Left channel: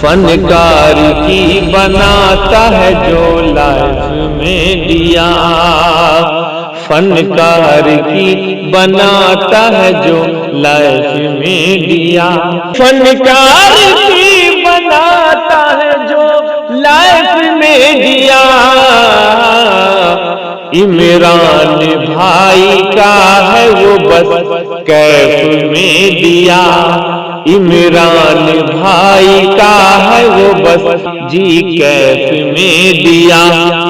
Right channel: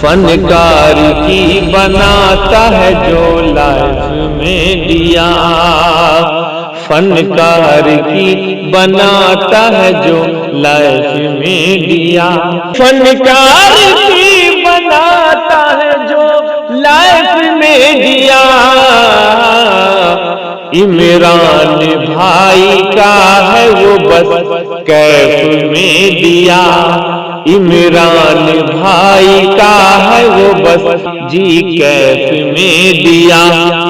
फनकार की बनाता है जो लाइफ में दिया, फनकार की बनाता है जो लाइफ में दिया, फनकार की बनाता है जो लाइफ में दिया। इमरान भाई का है वो बस कैफ में दिया, इमरान भाई का है वो बस जी कैफ में दिया,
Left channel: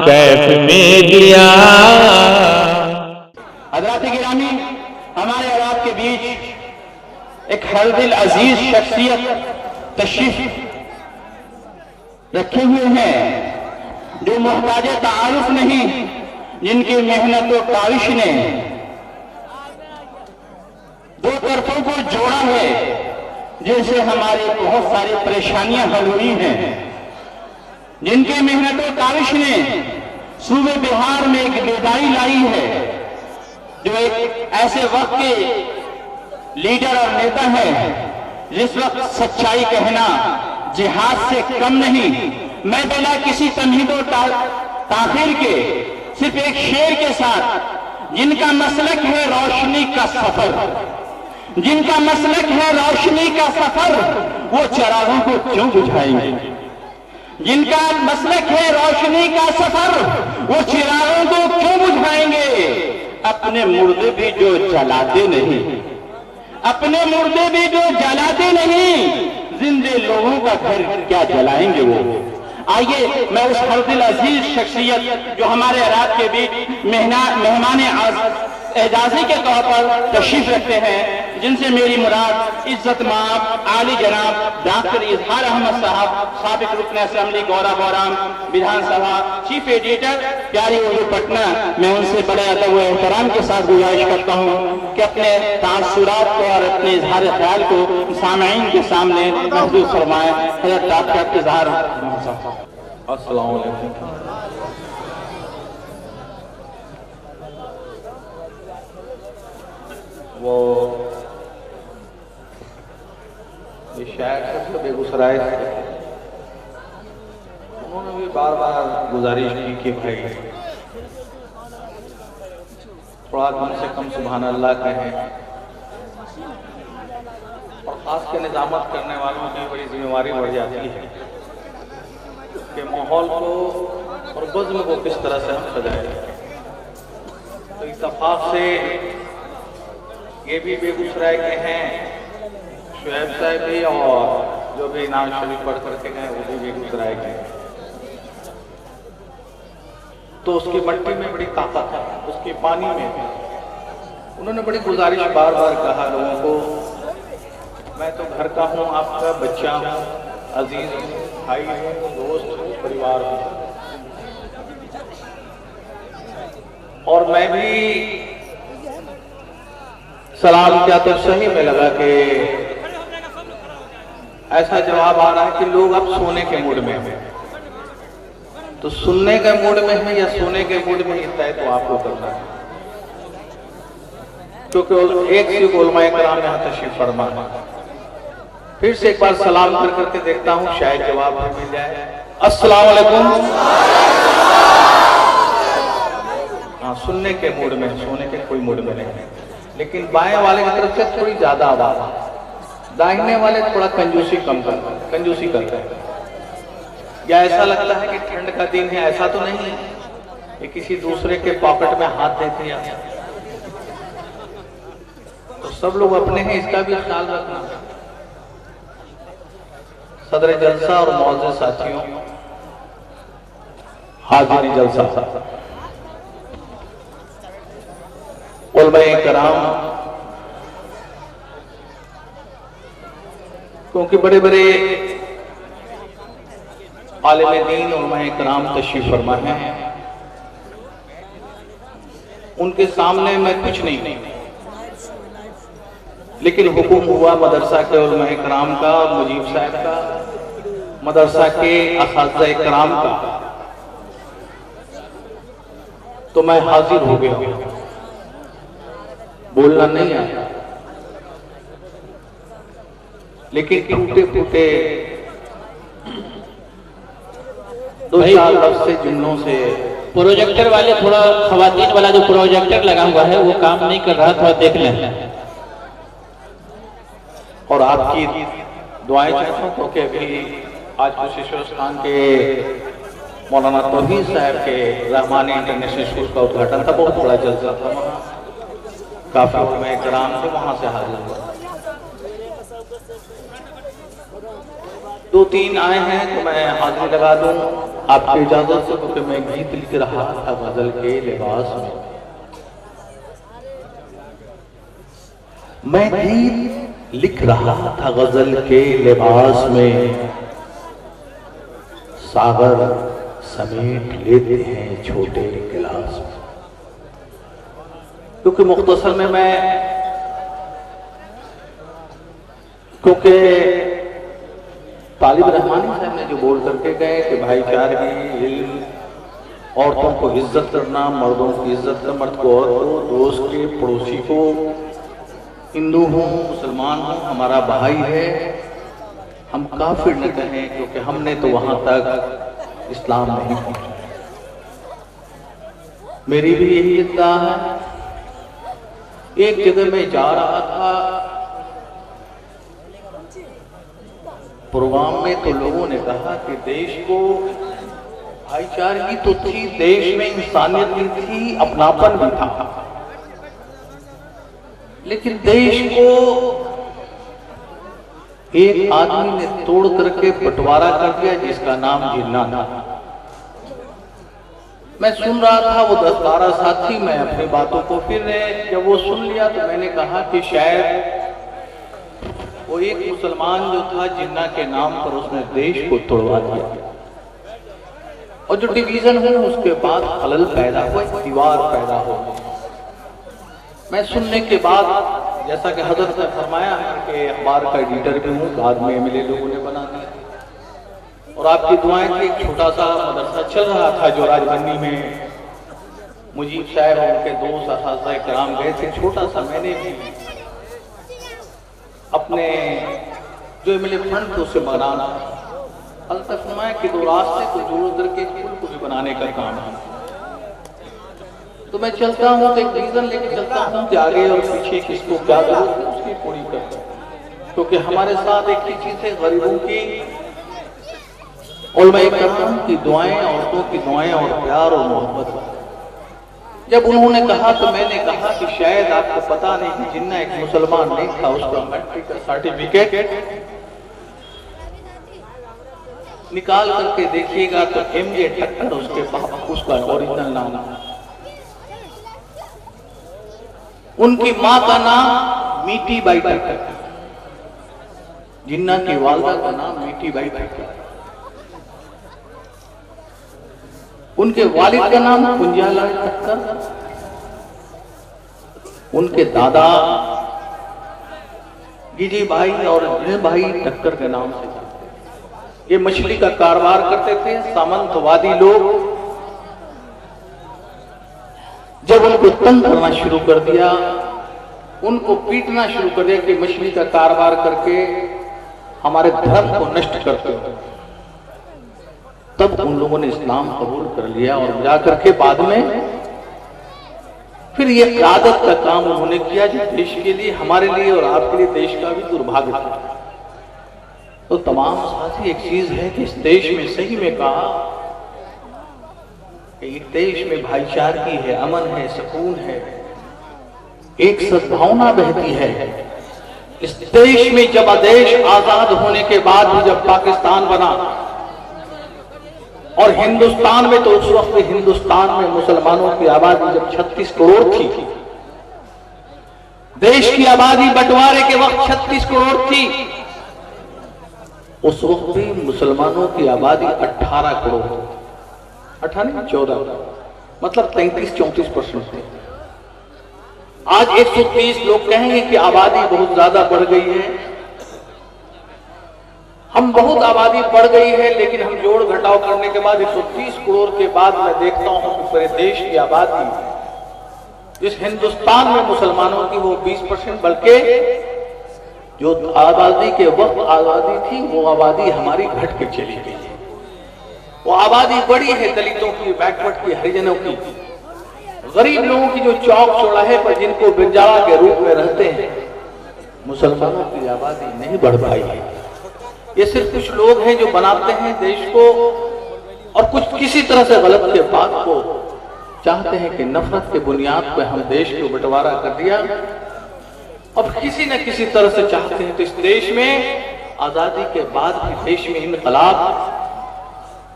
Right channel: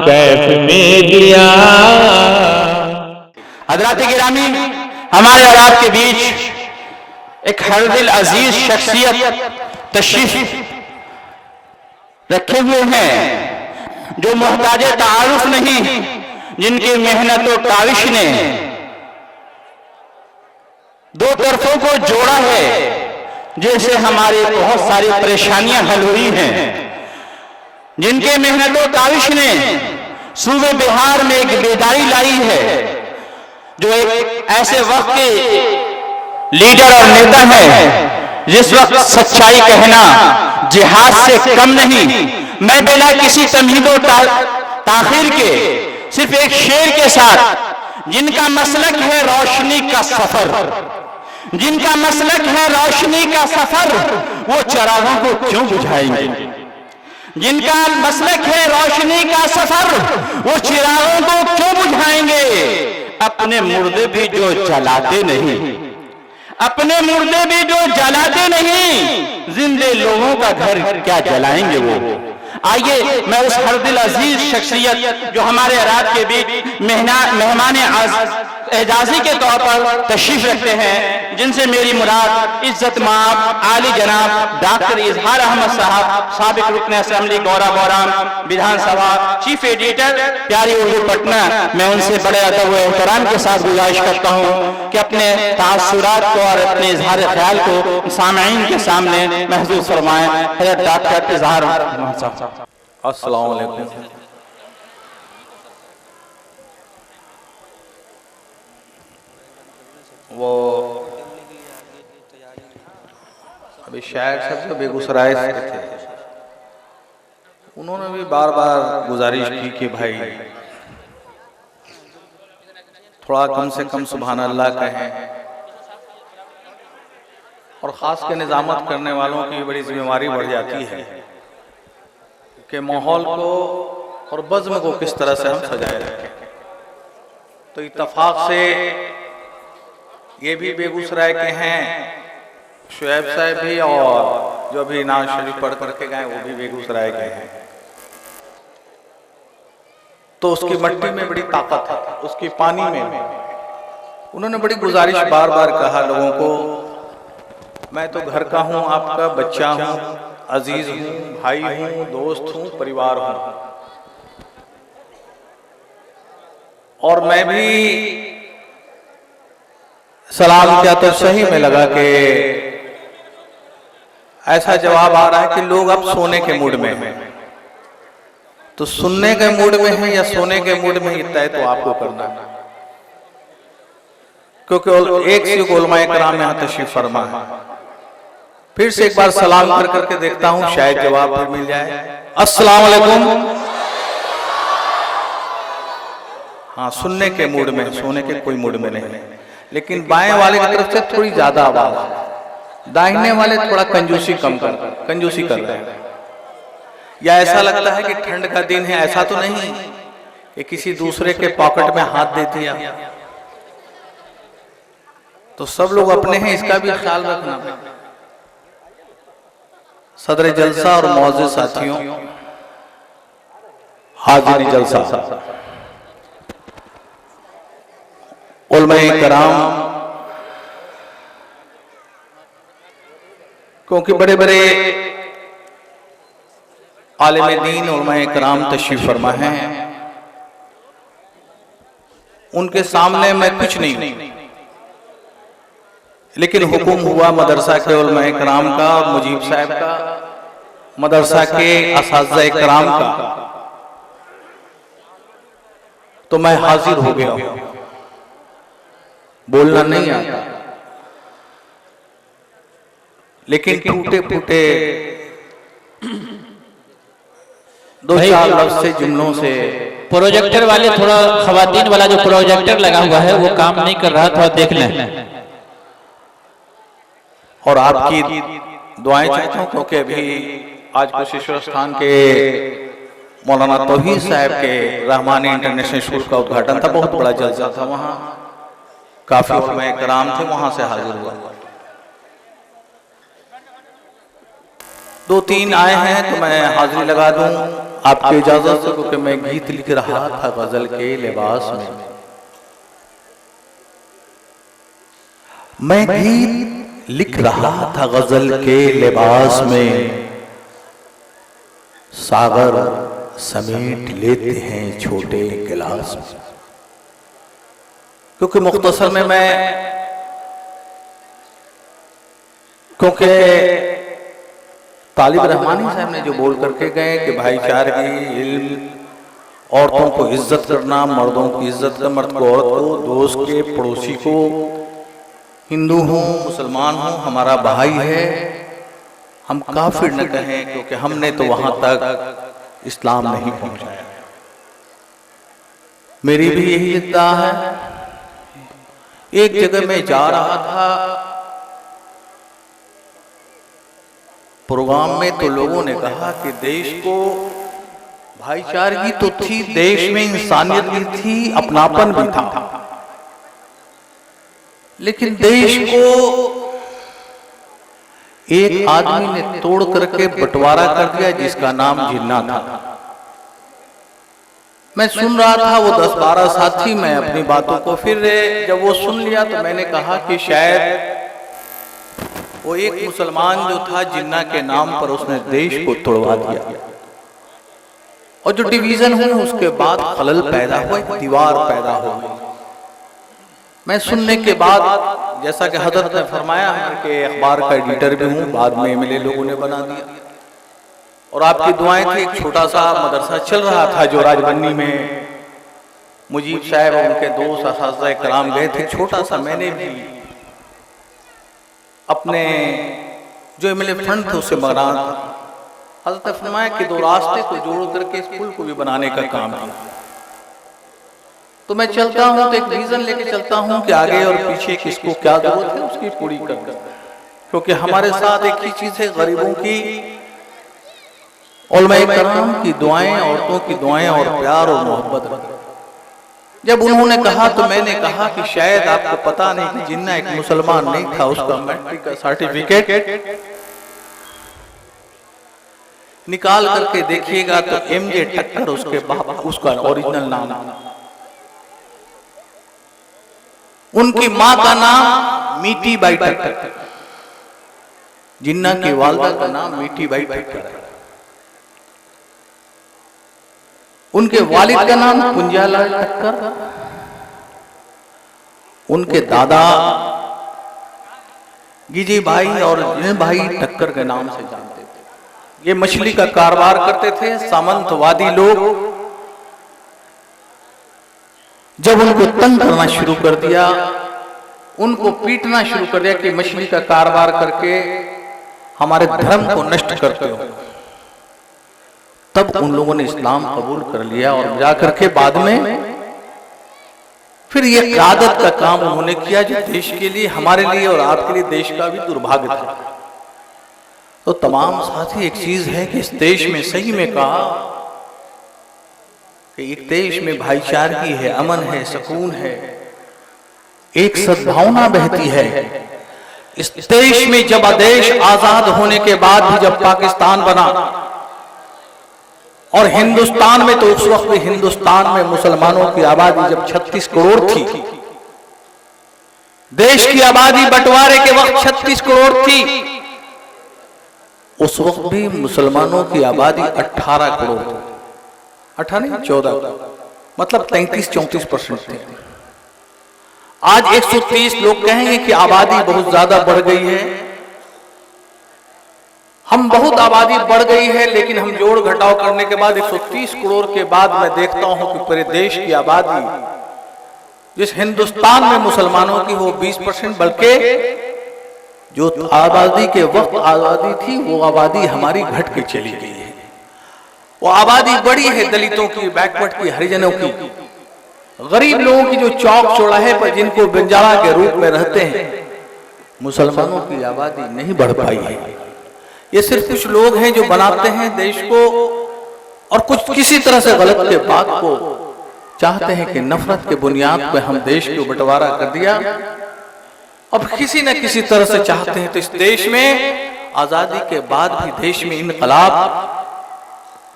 कैफ में दिया। हज़रात गिरामी, हमारे और आपके बीच एक हरदिल अजीज शख्सियत तशरीफ रखे हुए हैं जो मोहताज तारुफ नहीं, जिनकी मेहनत और काविश ने दो तरफों को जोड़ा है, जैसे हमारे बहुत सारी परेशानियां हल हुई हैं, जिनकी मेहनत और काविश ने सूबे बिहार में एक बेदारी लाई है, जो एक ऐसे वक्त के लीडर और नेता है जिस वक्त सच्चाई कहना जिहाद से कम नहीं। मैं बिना किसी तमहीद और ताखीर के सिर्फ एक शेर के साथ, जिनका मसलक है रोशनी का सफर, जिनका मसलक है रोशनी का सफर, वो चरागों को क्यों बुझाएंगे? जिनका मसलक है रोशनी का सफर, वो चिरागों को क्यों बुझाएंगे? अपने मुर्दे भी जो जलाते नहीं, अपने मुर्दे भी जो जलाते नहीं, जिंदे लोगों का घर क्या जलाएंगे वो? आइए मैं उस हरदिल अजीज शख्सियत जो हमारे रात के बीच मेहमान एजाजी के तौर पर तशरीफ रखते हैं, जिनसे मेरी मुराद इज्जत माब आली जनाब डॉक्टर इजहार अहमद साहब, साबिक रुकन असेंबली गौरा गौराम विधानसभा, चीफ एडिटर प्यारी उर्दू पटना, मैं उनसे बड़े अदब व एहतराम के साथ गुजारिश करता हूँ कि अपने तासुरात को और अपने इजहार ख्याल को सामईन के सामने महसूस फरमाएं। डॉक्टर इजहार अहमद साहब। अस्सलाम वालेकुम। वो शायद सब तो बेगूसराय से थे, उन्होंने भी बार बार गुजारिश की कि भाई थोड़ा कम से कम सुभान अल्लाह कहें, और ख़ास के निज़ामत करने वालों की बड़ी जिम्मेवारी बढ़ जाती है कि माहौल को और बज़्म को किस तरह से हम सजाएं। तो इत्तफाक से ये भी बेगूसराय के हैं, शुएब साहब भी, और जो भी नाज शरीफ पढ़ पढ़ के गए वो भी बेगूसराय के हैं। तो उसकी मट्टी में बड़ी ताकत है, उसकी पानी में। उन्होंने बड़ी गुजारिश बार बार कहा लोगों को, मैं तो घर का हूँ, आपका बच्चा हूँ, अजीज हूँ, भाई हूँ, दोस्त हूँ, परिवार हूँ, और मैं भी सलाम किया तो सही में लगा कि ऐसा जवाब आ रहा है कि लोग अब सोने के मूड में हैं। तो सुनने के मूड में है या सोने के मूड में, तय तो आपको करना है, क्योंकि एक से उलमाए कराम यहाँ तशरीफ फरमा है। फिर से एक बार सलाम कर करके देखता हूँ, शायद जवाब भी मिल जाए। अस्सलाम वालेकुम। हाँ, सुनने के मूड में, सोने के कोई मूड में नहीं है। लेकिन बाएं वाले की तरफ से थोड़ी ज्यादा आवाज, दाहिने वाले थोड़ा कंजूसी करते हैं। या ऐसा लगता है कि ठंड का दिन है, ऐसा तो नहीं ये किसी दूसरे के पॉकेट में हाथ दे दिया। तो सब लोग अपने हैं, इसका भी ख्याल रखना। सदर जलसा और मौजूद साथियों, हाजिर जलसा उलमाए कराम, क्योंकि बड़े बड़े आलिम दीन उलमाए कराम तशरीफ फरमा हैं, उनके सामने मैं कुछ नहीं, लेकिन हुक्म हुआ मदरसा के उलमाए कराम का और मुजीब साहब का, मदरसा के असातिज़ा कराम का, तो मैं हाजिर हो गया। बोलना नहीं आता, लेकिन टूटे फूटे 2-4 लफ्ज से जिन्नों से। प्रोजेक्टर वाले थोड़ा, खवातीन वाला जो प्रोजेक्टर लगा हुआ है वो काम नहीं कर रहा, थोड़ा देख लें। और आपकी दुआएं चाहता हूँ, क्योंकि अभी आज कुशेश्वर स्थान के मौलाना तौहीद साहब के रहमानी इंटरनेशनल स्कूल का उद्घाटन था, बहुत बड़ा जलसा था, वहाँ काफी में कराम थे, वहाँ से हाजिर हुआ। 2-3 आए हैं तो मैं हाजिरी लगा दूं आपकी इजाजत से, क्योंकि मैं गीत लिख रहा था गजल के लिबास में। मैं गीत लिख रहा था गजल के लिबास में, सागर समेट लेते हैं छोटे गिलास में। क्योंकि मुख्तसर में मैं, क्योंकि तालिब रहमानी साहब ने जो बोल करके गए कि भाईचारगी, इल्म, औरतों को इज्जत करना, मर्दों की इज्जत करना, मर्द को औरत को, दोस्त के, पड़ोसी को, हिंदू हूँ मुसलमान हूँ हमारा भाई है, हम काफिर न कहें, क्योंकि हमने तो वहां तक इस्लाम नहीं पहुंचाया। मेरी भी यही इद्दा है। एक जगह में जा रहा था प्रोग्राम में, तो लोगों ने कहा कि देश को भाईचारगी तो थी, देश में इंसानियत भी थी, अपनापन भी था, लेकिन देश को एक आदमी ने तोड़ करके बंटवारा कर दिया जिसका नाम जिन्ना था। मैं सुन रहा था, वो 10-12 साथी, मैं अपनी बातों को फिर जब वो सुन लिया तो मैंने कहा कि शायद वो एक मुसलमान जो था जिन्ना के नाम पर उसने देश को तोड़वा दिया, और जो डिवीजन हुई उसके बाद खलल पैदा हुई, दीवार पैदा हो गई। मैं सुनने के बाद, जैसा कि हजरत ने फरमाया है कि अखबार का एडिटर भी हूँ, बाद में एमएलए लोगों ने बना दिया, और आपकी दुआएं थी। एक छोटा सा मदरसा चल रहा था जो राजबन्नी में, मुजीब साहब और उनके दोस्त असातिज़ा इकराम गए थे, छोटा सा। मैंने भी अपने जो एमएलए फंड थे उसे बना, हजरत फरमाया कि 2 रास्ते को जोड़ करके स्कूल को भी बनाने का काम है। तो मैं चलता हूँ तो एक रीजन लेके चलता हूँ कि आगे और पीछे किसको क्या जरूरत है उसकी पूरी कर, क्योंकि हमारे साथ एक ही चीज है, गरीबों की और मैं कराम की दुआएं, औरतों की दुआएं और प्यार और मोहब्बत। जब उन्होंने कहा तो मैंने कहा कि शायद आपको पता नहीं कि जिन्ना एक मुसलमान नहीं था, उसका मैट्रिक का सर्टिफिकेट निकाल करके देखिएगा तो एमजे टक्कर उसके पास, उसका ओरिजिनल नाम। उनकी मां का नाम मीठी बाई टक्कर, जिन्ना की वालदा का नाम मीठी बाई टक्कर, उनके वालिद का नाम कुंजालाल टक्कर, उनके दादा गिजी भाई और जिन भाई टक्कर के नाम से जानते थे। ये मछली का कारोबार करते थे। सामंतवादी लोग जब उनको तंग करना शुरू कर दिया, उनको पीटना शुरू कर दिया कि मछली का कारोबार करके हमारे धर्म को नष्ट करते हो, तब उन लोगों ने इस्लाम कबूल कर लिया और जाकर के बाद में फिर ये क़यादत का काम उन्होंने किया जो देश के लिए, हमारे लिए और आपके लिए देश का भी दुर्भाग्य था। तो तमाम साथी, एक चीज है कि इस देश में सही में कहा कि इस देश में भाईचारगी है, अमन है, सुकून है, एक सद्भावना बहती है। इस देश में जब देश आजाद होने के बाद भी जब पाकिस्तान बना और हिंदुस्तान में, तो उस वक्त भी हिंदुस्तान में मुसलमानों की आबादी जब 36 करोड़ थी, देश की आबादी बंटवारे के वक्त 36 करोड़ थी, उस वक्त भी मुसलमानों की आबादी 18 करोड़, 18 14, मतलब 33-34% थी। आज 130 लोग कहेंगे कि आबादी बहुत ज्यादा बढ़ गई है। हम बहुत आबादी बढ़ गई है, लेकिन हम जोड़ घटाव करने के बाद 130 करोड़ के बाद मैं देखता हूं कि पूरे देश की आबादी जिस हिंदुस्तान में मुसलमानों की वो 20%, बल्कि जो आबादी के वक्त आबादी थी वो आबादी हमारी घट के चली गई है। वो आबादी बड़ी है दलितों की, बैकवर्ड की, हरिजनों की, गरीब लोगों की जो चौक चौराहे पर जिनको बंजारा के रूप में रहते हैं, मुसलमानों की आबादी नहीं बढ़ पाई है। ये सिर्फ कुछ लोग हैं जो बनाते हैं देश को और कुछ किसी तरह से गलत के बात को चाहते हैं कि नफरत के बुनियाद पर हम देश को बंटवारा कर दिया। अब किसी न किसी तरह से चाहते हैं तो इस देश में आजादी के बाद भी देश में इनकलाब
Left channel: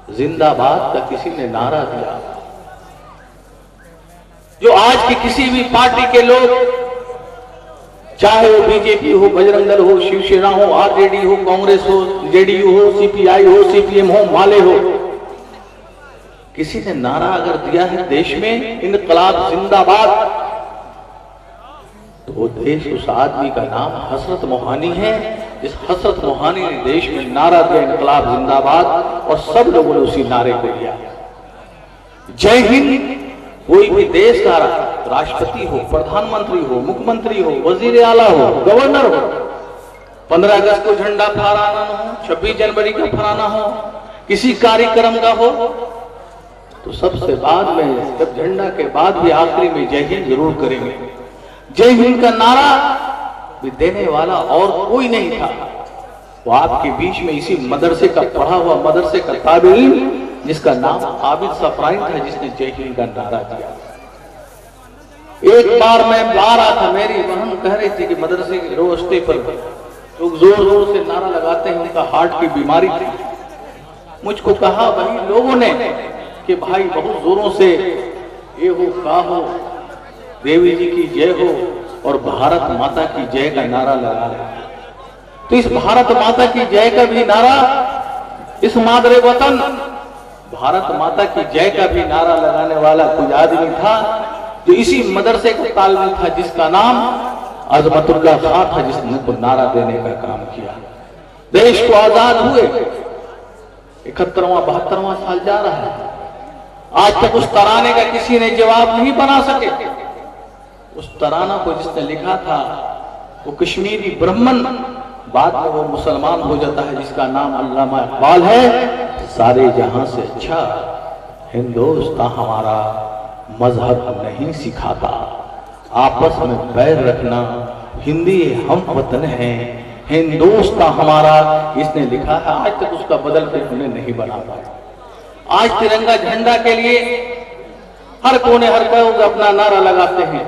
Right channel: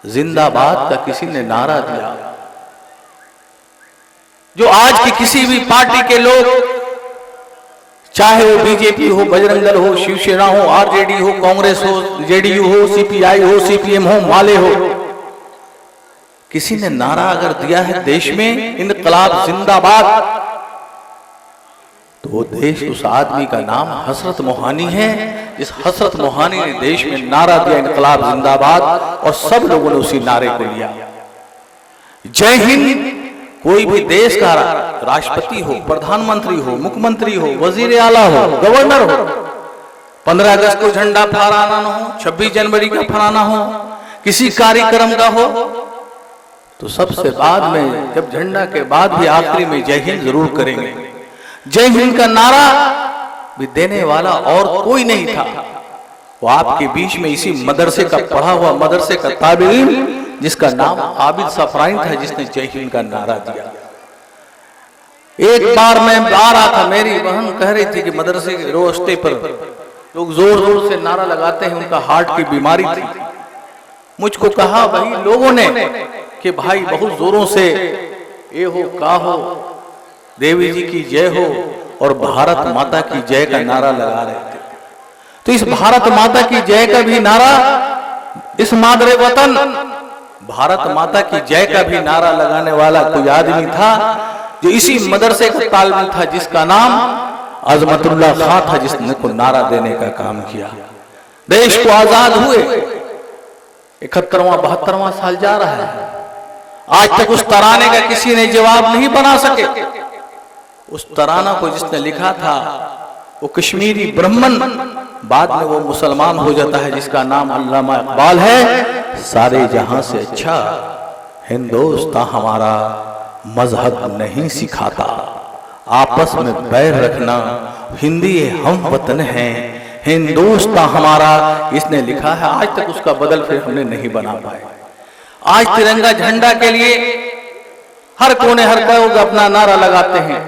जिंदाबाद का किसी ने नारा दिया। जो आज की किसी भी पार्टी के लोग, चाहे वो बीजेपी हो, बजरंग दल हो, शिवसेना हो, आरजेडी हो, कांग्रेस हो, जेडीयू हो, सीपीआई हो, सीपीएम हो, माले हो, किसी ने नारा अगर दिया है देश में इनकलाब जिंदाबाद, तो वो देश उस आदमी का नाम हसरत मोहानी है। जिस हसरत मोहानी ने देश में नारा दिया इनकलाब जिंदाबाद, और सब लोगों ने उसी नारे को लिया। जय हिंद कोई भी देश का राष्ट्रपति हो, प्रधानमंत्री हो, मुख्यमंत्री हो, वजीर आला हो, गवर्नर हो, 15 अगस्त को झंडा फहराना हो, 26 जनवरी का फहराना हो, किसी कार्यक्रम का हो, तो सबसे बाद में जब झंडा के बाद भी आखिरी में जय हिंद जरूर करेंगे। जय हिंद का नारा भी देने वाला और कोई नहीं था। वो आपके बीच में इसी मदरसे का पढ़ा हुआ मदरसे का तालिब जिसका नाम आबिद सफराइन था, जिसने जय हिंद का नारा दिया। एक बार मैं आ रहा था, मेरी बहन कह रही थी कि मदरसे के रोस्टे पर लोग जोर जोर से नारा लगाते हैं, उनका हार्ट की बीमारी थी। मुझको कहा वही लोगों ने कि भाई बहुत जोरों से ये हो का हो, देवी जी की जय हो और भारत माता की जय का नारा लगा रहे थे। तो इस भारत माता की जय का भी नारा, इस मादरे वतन भारत माता की जय का भी नारा लगाने वाला कोई आदमी था जो इसी मदरसे का तालिब था, जिसका नाम अजमतुल्ला खान था, जिसने को नारा देने का काम किया। देश को आजाद हुए 71वां 72वां साल जा रहा है, आज तक उस तराने का किसी ने जवाब नहीं बना सके। उस तराना को जिसने लिखा था वो कश्मीरी ब्राह्मण, बाद में वो मुसलमान हो जाता है, जिसका नाम अल्लामा इकबाल है। सारे जहां से अच्छा हिंदुस्तान हमारा मजहब नहीं सिखाता, आपस में बैर रखना, हिंदी हम वतन हैं, हिंदुस्तान हमारा, इसने लिखा है। आज तक उसका बदल फिर हमने नहीं बना पाए। आज तिरंगा झंडा के लिए हर कोने हर लोग अपना नारा लगाते हैं।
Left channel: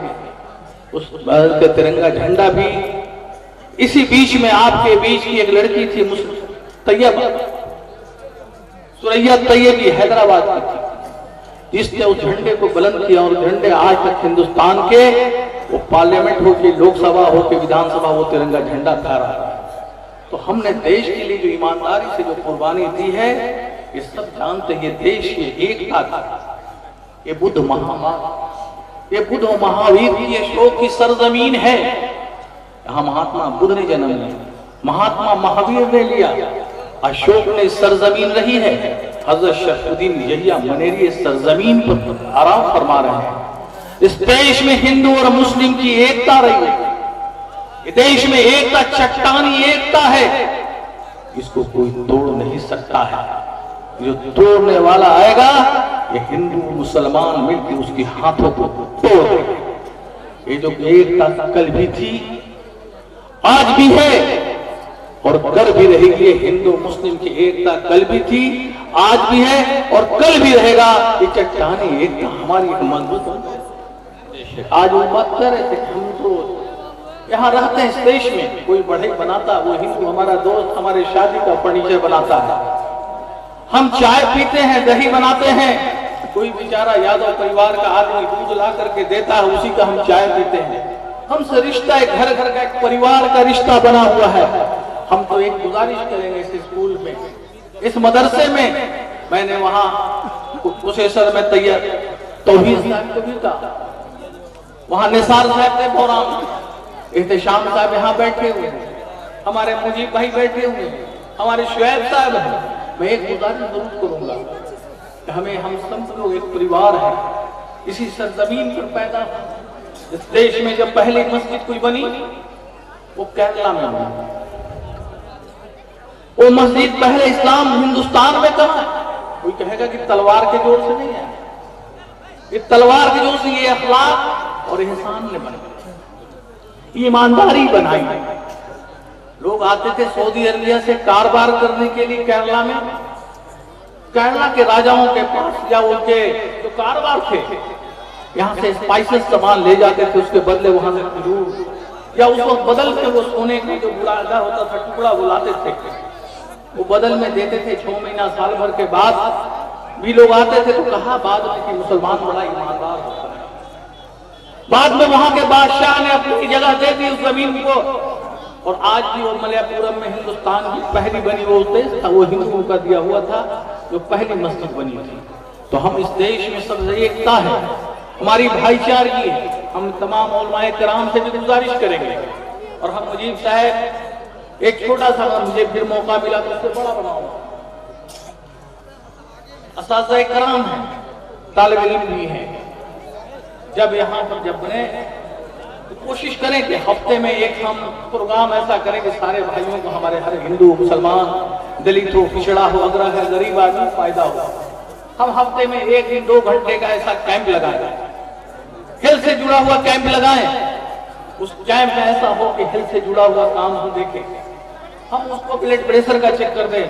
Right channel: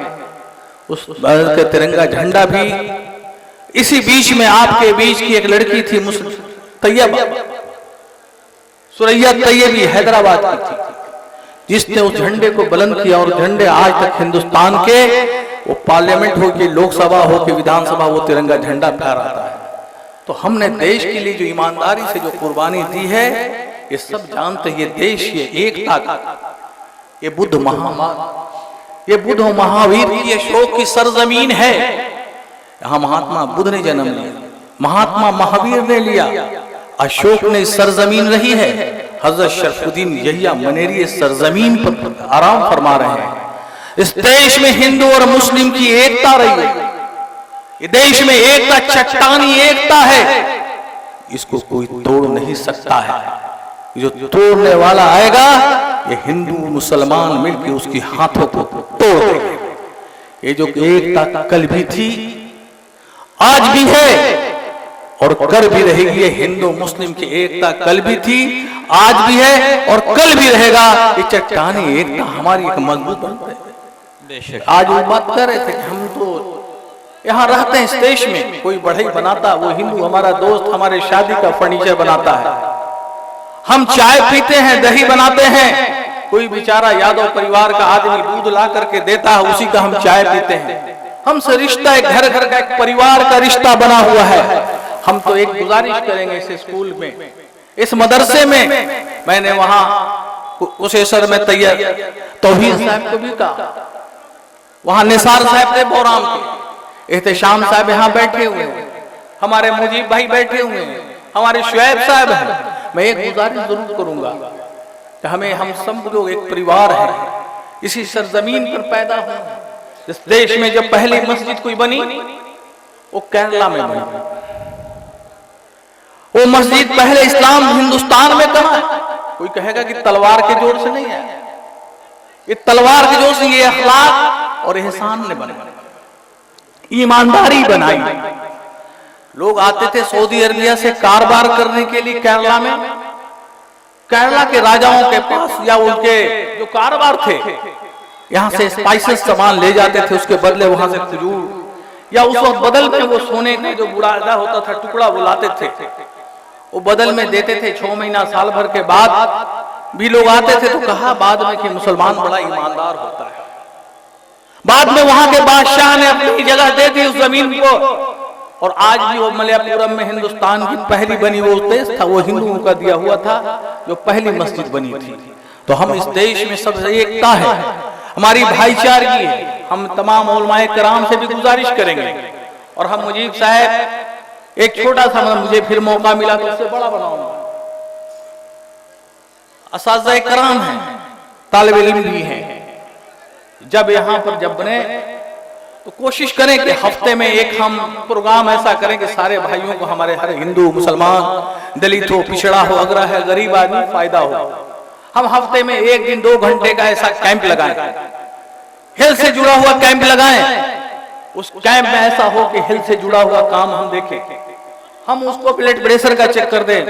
उस भारत का तिरंगा झंडा भी इसी बीच में आपके बीच की एक लड़की थी तैयब, सुरैया तैयबी हैदराबाद की थी, जिसने उस झंडे को बुलंद किया। और झंडे आज तक हिंदुस्तान के, वो पार्लियामेंट हो कि लोकसभा हो कि विधानसभा, वो तिरंगा झंडा फहराता है। तो हमने देश के लिए जो ईमानदारी से जो कुर्बानी दी है, ये सब जानते। ये देश, ये एकता, ये बुद्ध महावीर की अशोक की सरजमीन है। यहाँ महात्मा बुद्ध ने जन्म लिया, महात्मा महावीर ने लिया, अशोक ने सरजमीन रही है। हजरत शरफुद्दीन यहिया मनेरी इस सरजमीन पर आराम फरमा रहे हैं। इस देश में हिंदू और मुस्लिम की एकता रही है। इस देश में एकता चट्टानी एकता है, इसको कोई तोड़ नहीं सकता है। जो तोड़ने वाला आएगा, ये हिंदू मुसलमान मिलकर उसकी हाथों को तोड़ देंगे। ये जो एकता कल भी थी, आज भी है और कल भी रहेगी। ये हिंदू मुस्लिम की एकता कल भी थी, आज भी है और कल भी रहेगा। ये चट्टानी एकता हमारी एक मजबूत बन है। आज वो बात कर रहे थे कि हम तो यहाँ रहते हैं इस देश में, कोई बढ़ई बनाता, वो हिंदू हमारा दोस्त हमारे शादी का फर्नीचर बनाता है, हम चाय पीते हैं, दही बनाते हैं, कोई बेचारा यादव परिवार का आदमी दूध ला करके देता है, उसी का हम चाय पीते हैं। हमसे रिश्ता एक घर घर का, एक परिवार का रिश्ता बना हुआ है। हम तो एक गुजारिश करेंगे इस स्कूल में, इस मदरसे में, मैंने वहां कुशेश्वर में तौहीद साहब को भी कहा, वहां निसार साहब थे बोराम, एहतेशाम साहब यहाँ बैठे हुए हैं, हमारे मुजीब भाई बैठे हुए हैं, हमारे शुएब साहब हैं। मैं एक गुजारिश जरूर करूंगा कि हमें, हम सब लोग एक परिवार है, इसी सरजमीन पर पैदा हुए। इस देश में जब पहली मस्जिद कोई बनी वो केरला में बनी। वो मस्जिद पहले इस्लाम हिंदुस्तान में कहा, कोई कहेगा कि तलवार के जोर से नहीं आया, ये तलवार के जोर से ये अखलाक और एहसान ने बनाई, ईमानदारी बनाई। लोग आते थे सऊदी अरबिया से कारोबार करने के लिए केरला में, केरला के राजाओं के पास या उनके जो कारोबार थे, यहाँ से स्पाइसेस सामान ले जाते थे, उसके बदले वहां से खजूर या उस वक्त बदल के वो सोने का जो बुढ़ाना होता था टुकड़ा वो लाते थे, वो बदल में देते थे। 6 महीना साल भर के बाद भी लोग आते थे तो कहा बाद में कि मुसलमान बड़ा ईमानदार होता है। बाद में वहां के बादशाह ने अपनी जगह दे दी उस जमीन को, और आज भी वो मलयापुरम में हिंदुस्तान की पहली बनी वो देश था, वो हिंदुओं का दिया हुआ था, जो पहली मस्जिद बनी थी। तो हम इस देश में सबसे एकता है, हमारी भाईचारगी है। हम तमाम उलमाए कराम से भी गुजारिश करेंगे, और हम मुजीब साहब एक छोटा सा, मुझे फिर मौका मिला तो इससे बड़ा बनाऊंगा। असातिज़ा कराम है, तालिब इल्म भी हैं, जब यहाँ पर जब बने तो कोशिश करें कि हफ्ते में एक हम प्रोग्राम ऐसा करें कि सारे भाइयों को, हमारे हर हिंदू मुसलमान दलित हो पिछड़ा हो अगरा है गरीब आदमी फायदा हो, हम हफ्ते में 1 दिन 2 घंटे का ऐसा कैंप लगाएं, हेल्थ से जुड़ा हुआ कैंप लगाएं। उस कैंप में ऐसा हो कि हेल्थ से जुड़ा हुआ काम हम देखें, हम उसको ब्लड प्रेशर का चेक कर दें,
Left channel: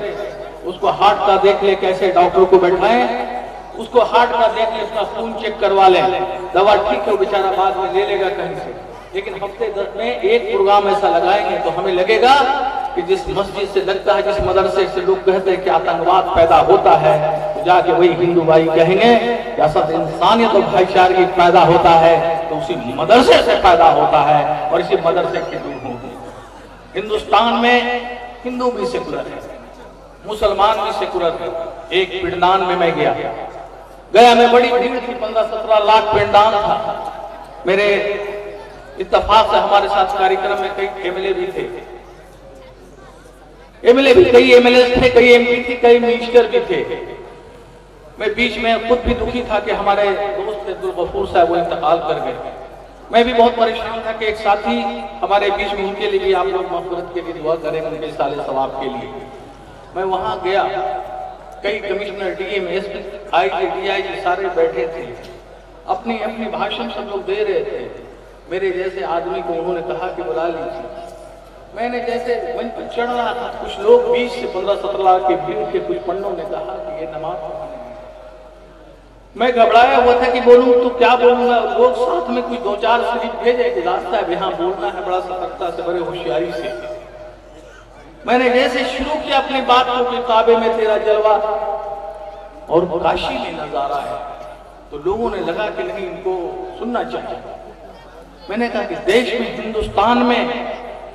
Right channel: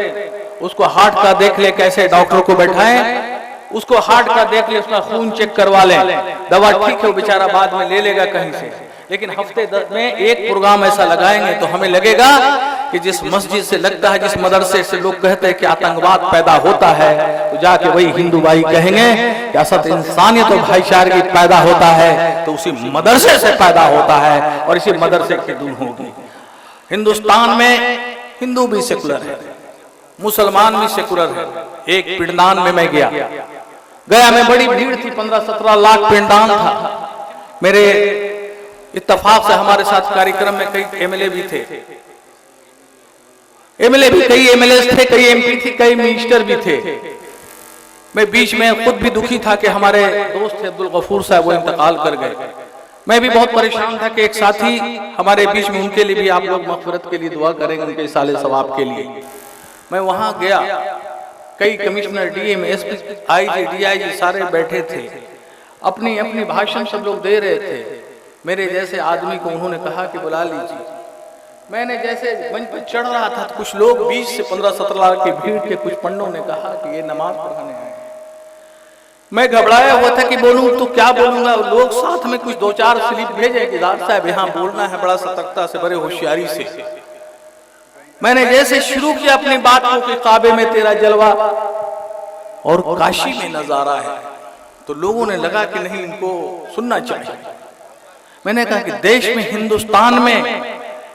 उसको हार्ट का देख ले, कैसे डॉक्टर को बैठाएं, उसको हार्ट का देख ले, उसका खून चेक करवा लें, दवा ठीक है वो बेचारा बाद में ले लेगा कहीं से, लेकिन हफ्ते 10 में एक प्रोग्राम ऐसा लगाएंगे तो हमें लगेगा कि जिस मस्जिद से लगता है, जिस मदरसे से लोग कहते हैं कि आतंकवाद पैदा होता है, तो जाके वही हिंदू भाई कहेंगे कि असद इंसानियत और भाईचारे पैदा होता है तो उसी मदरसे से पैदा होता है, और इसी मदरसे के दूर होंगे। हिंदुस्तान में हिंदू भी सेकुलर है, मुसलमान भी सेकुलर है। एक पिंडदान में मैं गया में बड़ी भीड़ थी, 15-17 लाख पिंडदान था। मेरे इत्तेफाक से हमारे साथ कार्यक्रम में कई एमएलए भी थे, कई एमएलए थे, कई एमपी थे, कई मिनिस्टर भी थे। मैं बीच में खुद भी दुखी था कि हमारे दोस्त थे अब्दुल गफूर साहब वो इंतकाल कर गए। मैं भी बहुत परेशान था कि एक साथी हमारे बीच में, उनके लिए भी आप लोग मग़फ़िरत के लिए दुआ करें, उनके साले सवाब के लिए। मैं वहां गया, कई commissioner, DM, SP, IG, DIG सारे बैठे थे, अपनी अपनी भाषण सब लोग दे रहे थे। मेरे जैसे आदमी को उन्होंने कहा कि बुला लीजिए। मैंने जैसे मंच पर चढ़ रहा था, कुछ लोग 20 से 15-17 लाख की भीड़ के कुछ पंडों ने कहा कि ये नमाज पढ़ने आए। मैं घबराया हुआ था कि बोलूं तो क्या बोलूंगा। लोग साथ में कुछ 2-4 स्लिप भेजे कि डॉक्टर साहब यहाँ बोलना है, बड़ा सतर्कता से, बड़े होशियारी से। मैंने जैसे शुरू किया अपनी बात को कि काबे में तेरा जलवा और काशी में नजारा है, तो लोगों ने लगा कि नहीं, इनको सुनना चाहिए। मैंने कहा कि देश में, हिंदुस्तान में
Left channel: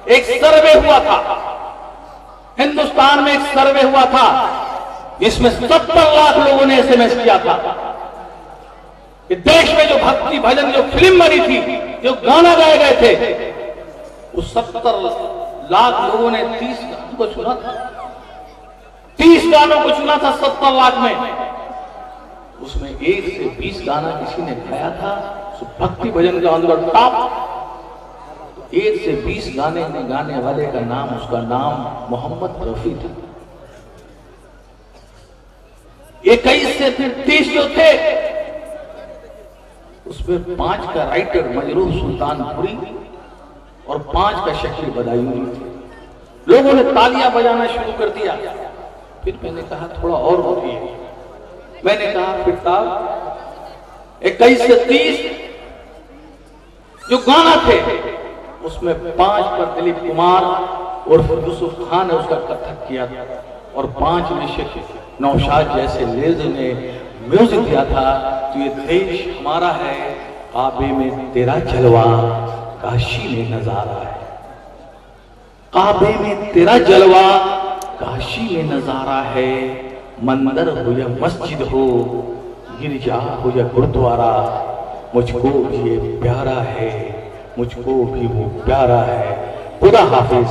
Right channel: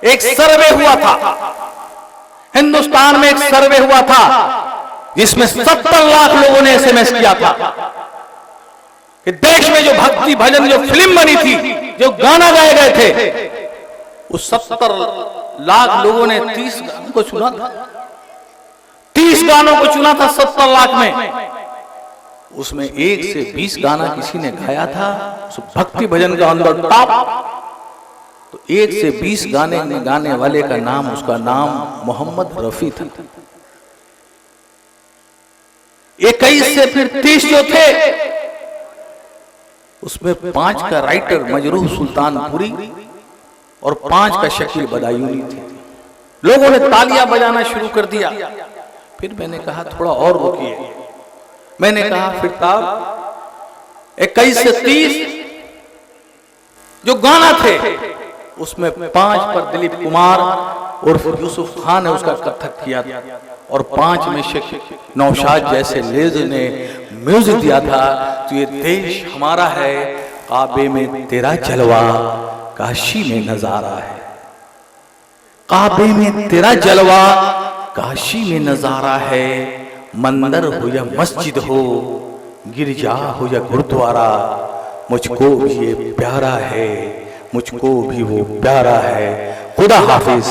एक सर्वे हुआ था, हिंदुस्तान में एक सर्वे हुआ था जिसमें 70 लाख लोगों ने एसएमएस किया था कि देश में जो भक्ति भजन, जो फिल्म बनी थी, जो गाना गाए गए थे, उस 70 लाख लोगों ने 30 गानों को चुना था। 30 गानों को चुना था 70 लाख में। उसमें 1 से 20 गाना किसी ने गाया था, भक्ति भजन का अंदर टॉप। तो 1 से 20 गाने में गाने वाले का नाम, उसका नाम मोहम्मद रफी था। 21 से फिर 30 जो थे, उसमें 5 का राइटर मजरूह सुल्तानपुरी और 5 का शकील बदायूनी थे। लोगों ने तालियां बजाना शुरू कर दिया। फिर मैंने कहा थोड़ा और रुकिए। मैंने कहा फिर 21 से 30 जो गाना थे, उसमें 5 पर दिलीप कुमार और यूसुफ खान ने उसका कथक किया, और 5 में शेख नौशाद जैसे लेज ने म्यूजिक दिया था। तो ये देश हमारा है, काबे में तेरा जलवा, काशी में नजारा है। काबे में तेरा जलवा, काशी में नजारा है। मंदिर हो या मस्जिद हो, गिरजा हो या गुरुद्वारा, मुझको भी ये प्यारा है, मुझको भी वो प्यारा है। खुदा हाफिज़।